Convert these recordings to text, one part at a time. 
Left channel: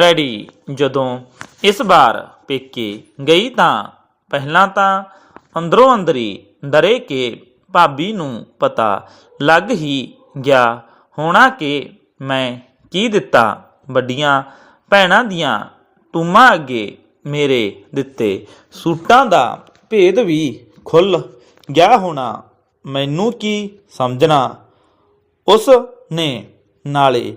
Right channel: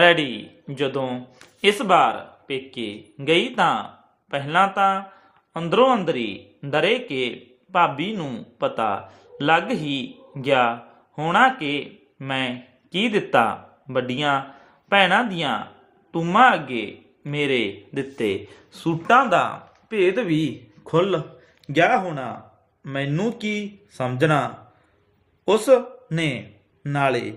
Ready. ਜਦੋਂ ਇਸ ਵਾਰ ਪੇਕੇ ਗਈ ਤਾਂ ਪਹਿਲਾਂ ਤਾਂ ਅੰਦਰੋਂ ਅੰਦਰੀ ਡਰੇ ਕੇ ਭਾਬੀ ਨੂੰ ਪਤਾ ਲੱਗ ਹੀ ਗਿਆ ਹੋਣਾ ਕਿ ਮੈਂ ਕੀ ਦਿੱਤਾ। ਵੱਡੀਆਂ ਭੈਣਾਂ ਦੀਆਂ ਟੂਮਾਂ ਅੱਗੇ ਮੇਰੇ ਦਿੱਤੇ ਸੂਟਾਂ ਦਾ ਭੇਦ ਵੀ ਖੁੱਲ ਗਿਆ ਹੋਣਾ। ਮੈਨੂੰ ਕੀ ਸਮਝਣਾ? ਉਸ ਨੇ ਨਾਲੇ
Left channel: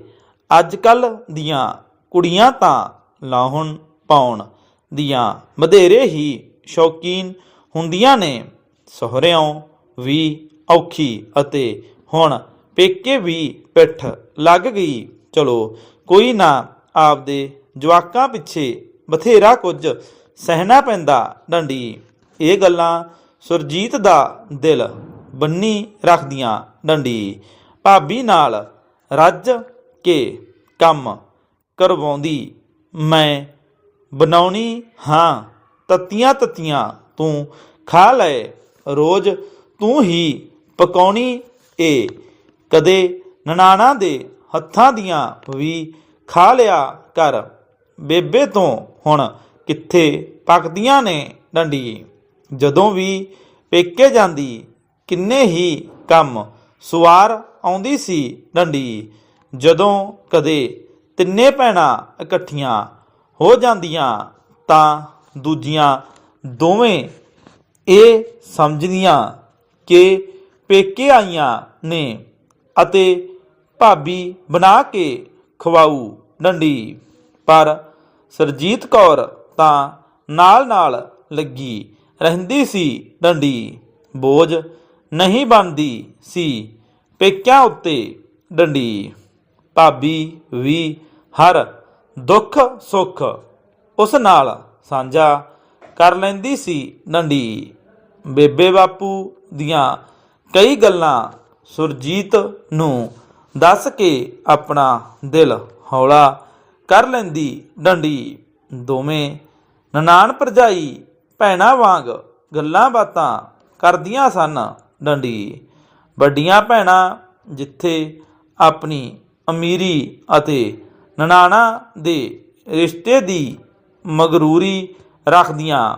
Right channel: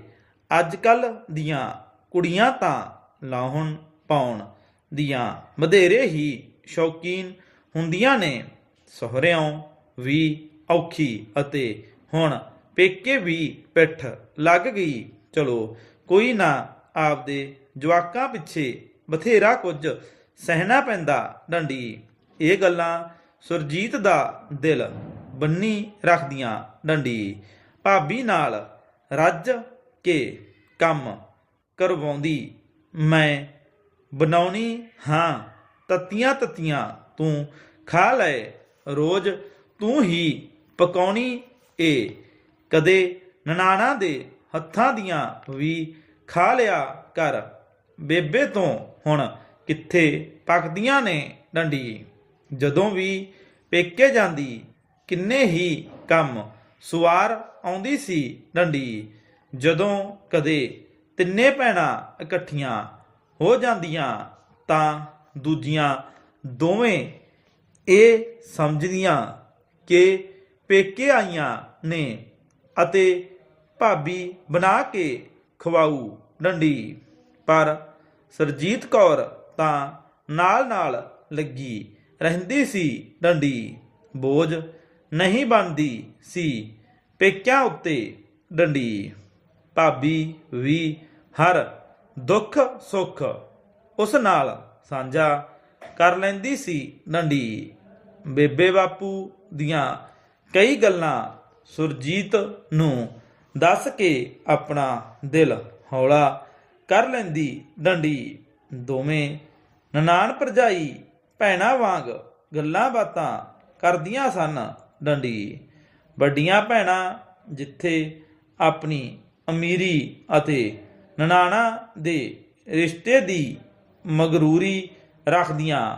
ਅੱਜ ਕੱਲ ਦੀਆਂ ਕੁੜੀਆਂ ਤਾਂ ਲਾਹੁਣ ਪਾਉਣ ਦੀਆਂ ਵਧੇਰੇ ਹੀ ਸ਼ੌਕੀਨ ਹੁੰਦੀਆਂ ਨੇ। ਸਹੁਰਿਆਂ ਵੀ ਔਖੀ ਅਤੇ ਹੁਣ ਪੇਕੇ ਵੀ ਪਿੱਠ ਲੱਗ ਗਈ। ਚਲੋ, ਕੋਈ ਨਾ, ਆਪਦੇ ਜਵਾਕਾਂ ਪਿੱਛੇ ਬਥੇਰਾ ਕੁਝ ਸਹਿਣਾ ਪੈਂਦਾ ਡੰਡੀ। ਇਹ ਗੱਲਾਂ ਸੁਰਜੀਤ ਦਾ ਦਿਲ ਬੰਨੀ ਰੱਖਦੀਆਂ ਡੰਡੀ। ਭਾਬੀ ਨਾਲ ਰੱਜ ਕੇ ਕੰਮ ਕਰਵਾਉਂਦੀ ਮੈਂ ਬਣਾਉਣੀ ਹਾਂ। ਤੱਤੀਆਂ ਤੱਤੀਆਂ ਤੂੰ ਖਾ ਲੈ, ਰੋਜ਼ ਤੂੰ ਹੀ ਪਕਾਉਣੀ ਏ। ਕਦੇ ਨਨਾਣਾ ਦੇ ਹੱਥਾਂ ਦੀਆਂ ਵੀ ਖਾ ਲਿਆ ਕਰ, ਬੇਬੇ ਤੋਂ ਹੁਣ ਕਿੱਥੇ ਪਕਦੀਆਂ ਨੇ ਡੰਡੀ ਜਦੋਂ ਵੀ ਪੇਕੇ ਜਾਂਦੀ, ਕਿੰਨੇ ਹੀ ਕੰਮ ਸਵਾਰ ਆਉਂਦੀ ਸੀ ਡੰਡੀ ਜਦੋਂ ਕਦੇ ਤਿੰਨੇ ਭੈਣਾਂ ਇਕੱਠੀਆਂ ਹੋ ਜਾਂਦੀਆਂ ਤਾਂ ਦੂਜੀਆਂ ਦੋਵੇਂ ਇਹ ਸਮਝਦੀਆਂ ਕਿ ਪੇਕੇ ਆਈਆਂ ਨੇ ਅਤੇ ਭਾਬੀ ਬਣਾ ਕੇ ਖਵਾਉ ਡੰਡੀ। ਪਰ ਸਰਜੀਤ ਕੌਰ ਤਾਂ ਨਾਲ-ਨਾਲ ਲੱਗੀ ਰਹਿੰਦੀ ਸੀ ਡੰਡੀ। ਬੋਝ ਨਹੀਂ ਬਣਦੀ ਸੀ ਪੇਕਿਆਂ ਉੱਤੇ ਡੰਡੀ। ਭਾਬੀ ਵੀ ਹਰ ਦੁੱਖ ਸੁੱਖ ਉਸ ਨਾਲ ਸਾਂਝਾ ਕਰ ਲੈਂਦੀ ਸੀ ਡੰਡੀ ਬੇਬੇ ਬਾਪੂ ਦੀਆਂ ਕਈ ਗੱਲਾਂ ਸੁਰਜੀਤ ਨੂੰ ਦੱਸ ਕੇ ਆਪਣਾ ਦਿਲ ਹੌਲਾ ਕਰ ਲੈਂਦੀ ਡੰਡੀ ਦੋਵੇਂ ਨਨਾਣ ਭਰਜਾਈ ਭੈਣਾਂ ਵਾਂਗ ਗੱਲਾਂ ਬਾਤਾਂ ਕਰਦੀਆਂ ਸਨ ਡੰਡੀ ਵੱਡੀਆਂ ਭੈਣਾਂ ਜਿੱਥੇ ਆਪਣੀ ਅਮੀਰੀ ਅਤੇ ਨਨਾਣਾ ਦੇ ਰਿਸ਼ਤੇ ਦੀ ਮਗਰੂਰੀ ਰੱਖਦੀਆਂ।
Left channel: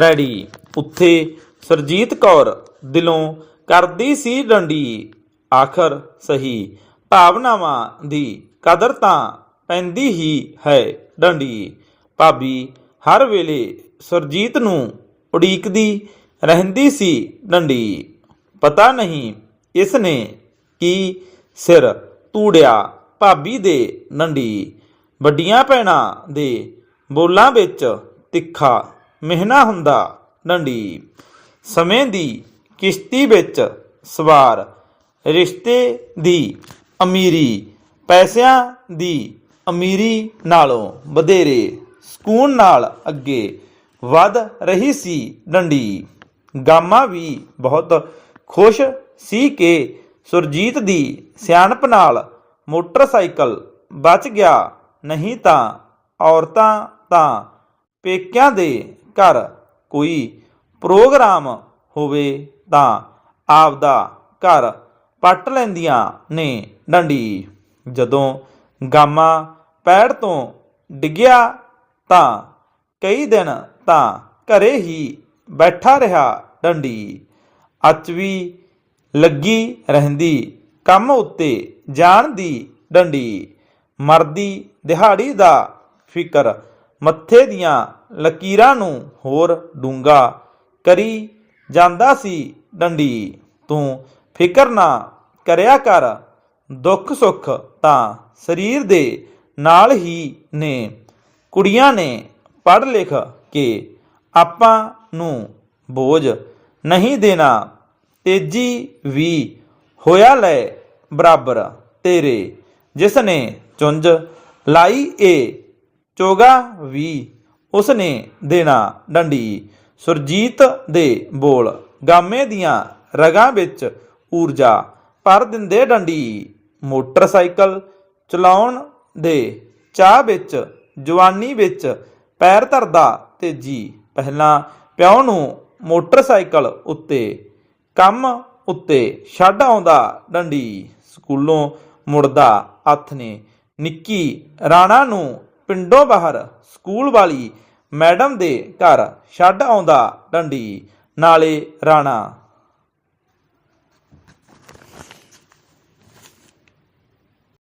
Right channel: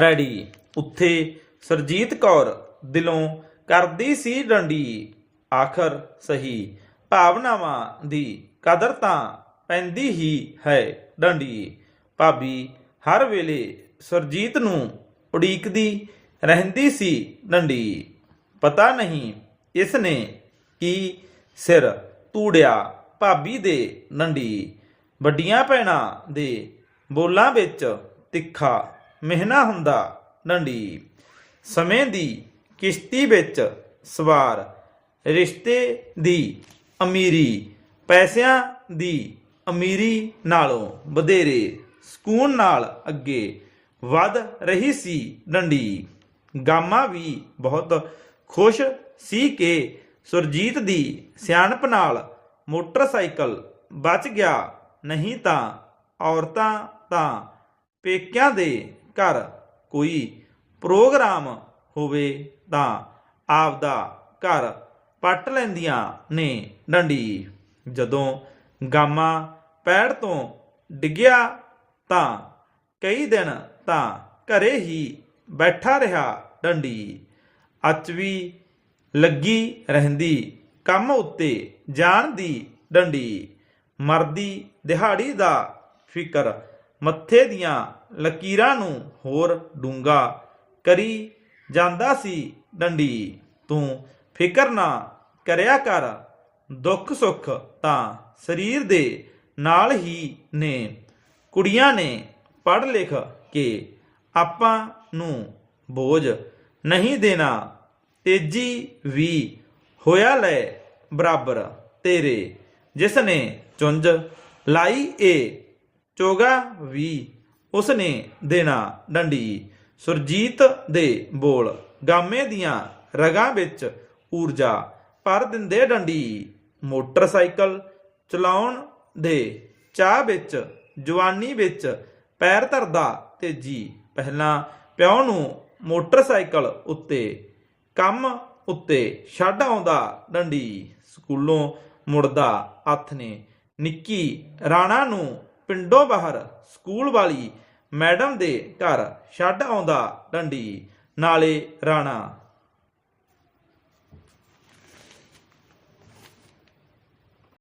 ਰੈਡੀ। ਉੱਥੇ ਸਰਜੀਤ ਕੌਰ ਦਿਲੋਂ ਕਰਦੀ ਸੀ ਡੰਡੀ। ਆਖਰ ਸਹੀ। ਭਾਵਨਾਵਾਂ ਦੀ ਕਦਰ ਤਾਂ ਪੈਂਦੀ ਹੀ ਹੈ ਡੰਡੀ। ਭਾਬੀ ਹਰ ਵੇਲੇ ਸਰਜੀਤ ਨੂੰ ਉਡੀਕਦੀ ਰਹਿੰਦੀ ਸੀ ਡੰਡੀ। ਪਤਾ ਨਹੀਂ ਇਸ ਨੇ ਕੀ ਸਿਰ ਤੂੜਿਆ ਭਾਬੀ ਦੇ ਡੰਡੀ ਵੱਡੀਆਂ ਭੈਣਾਂ ਦੇ ਬੋਲਾਂ ਵਿੱਚ ਤਿੱਖਾ ਮਿਹਨਾ ਹੁੰਦਾ ਡੰਡੀ ਸਮੇਂ ਦੀ ਕਿਸ਼ਤੀ ਵਿੱਚ ਸਵਾਰ ਰਿਸ਼ਤੇ ਦੀ ਅਮੀਰੀ, ਪੈਸਿਆਂ ਦੀ ਅਮੀਰੀ ਨਾਲੋਂ ਵਧੇਰੇ ਸਕੂਨ ਨਾਲ ਅੱਗੇ ਵੱਧ ਰਹੀ ਸੀ ਡੰਡੀ ਗਾਮਾ ਵੀ ਬਹੁਤ ਖੁਸ਼ ਸੀ ਕਿ ਸੁਰਜੀਤ ਦੀ ਸਿਆਣਪ ਨਾਲ ਮੋਟਰਸਾਈਕਲ ਬਚ ਗਿਆ। ਨਹੀਂ ਤਾਂ ਔਰਤਾਂ ਤਾਂ ਪੇਕਿਆਂ ਦੇ ਘਰ ਕੋਈ ਪ੍ਰੋਗਰਾਮ ਹੋਵੇ ਤਾਂ ਆਪਦਾ ਘਰ ਪੱਟ ਲੈਂਦੀਆਂ ਨੇ ਡੰਡੀ। ਜਦੋਂ ਗਾਮਾ ਪੈੜ ਤੋਂ ਡਿੱਗਿਆ ਤਾਂ ਕਈ ਦਿਨ ਤਾਂ ਘਰੇ ਹੀ ਬੈਠਾ ਰਿਹਾ ਡੰਡੀ। ਅਚਵੀ ਲੱਗੀ ਰਹਿੰਦੀ, ਕੰਮ ਉੱਤੇ ਜਾਣ ਦੀ ਡੰਡੀ, ਮਰਦੀ ਦਿਹਾੜੀ ਦਾ ਫਿਕਰ, ਮੱਥੇ ਦੀਆਂ ਲਕੀਰਾਂ ਨੂੰ ਹੋਰ ਡੂੰਗਾ ਕਰੀ ਜਾਂਦਾ ਸੀ ਡੰਡੀ। ਤੂੰ ਫਿਕਰ ਨਾ ਕਰਿਆ ਕਰ, ਦੁੱਖ ਸੁੱਖ ਤਾਂ ਸਰੀਰ ਦੇ ਨਾਲ ਹੀ ਨੇ। ਕੁੜੀਆਂ ਨੇ ਪੜ੍ਹ ਲਿਖ ਕੇ ਆਪਾਂ ਨੂੰ ਬੋਝ ਨਹੀਂ ਦੇਣਾ। ਤੇਜੀ ਵੀ ਹੋਇਆ ਲੈ ਬਰਾਬਰ ਤੇਰੇ ਜਿਸ ਨੇ ਚੁੰਝ ਲਾਈ ਏ, ਚੋਗਾ ਵੀ ਉਸ ਨੇ ਦੇਣਾ ਡੰਡੀ। ਸੁਰਜੀਤ ਦੇ ਬੋਲ, ਗਾਮੇ ਦੀਆਂ ਰਗਾਂ ਵਿੱਚ ਊਰਜਾ ਭਰ ਦਿੰਦੇ ਡੰਡੀ। ਮੋਟਰਸਾਈਕਲ ਚਲਾਉਣ ਦੇ ਚਾਹ ਵਿੱਚ, ਜਵਾਨੀ ਵਿੱਚ ਪੈਰ ਧਰਦਾ ਤੇਜੀ। ਪਹਿਲਾਂ ਪਿਓ ਨੂੰ ਮੋਟਰਸਾਈਕਲ ਉੱਤੇ ਕੰਮ ਉੱਤੇ ਛੱਡ ਆਉਂਦਾ, ਡੰਡੀ ਸਕੂਲੋਂ ਮੁੜਦਾ ਹੱਥ ਨੇ। ਨਿੱਕੀ ਰਾਣਾ ਨੂੰ ਪਿੰਡੋਂ ਬਾਹਰ ਸਕੂਲ ਵਾਲੀ ਮੈਡਮ ਦੇ ਘਰ ਛੱਡ ਆਉਂਦਾ, ਡੰਡੀ। ਨਾਲੇ ਰਾਣਾ